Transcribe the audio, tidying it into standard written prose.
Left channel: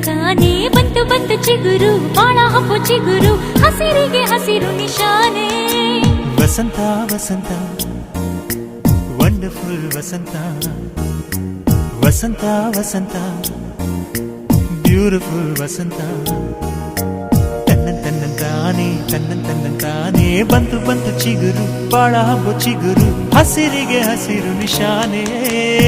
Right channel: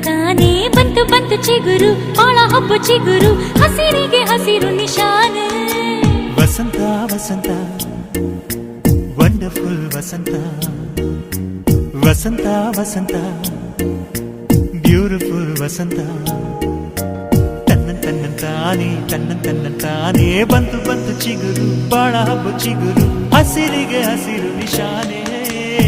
ತಂತಾನೇ ಬಂತು ಬಂತು ಚಿಗುರು ಬಾಳ ಹಬ್ಬ ಚಿಗುರು ಹಸಿರಿಗೆ ಹಸಿರು ನಿಶಾನೆ ವಸಂತ ವಸಂತ ವಂಡರ್ಫುಲ್ ವಸಂತ ವಸಂತ ವಸಂತ ಬ್ಯೂಟಿಫುಲ್ ವಸಂತ ತಾನೇ ಬಂತು ಬಂತು ಚಿಗುರು ಬಾಳ ಹಬ್ಬ ಚಿಗುರು ಹಸಿರಿಗೆ ಹಸಿರು ನಿಶಾನೆ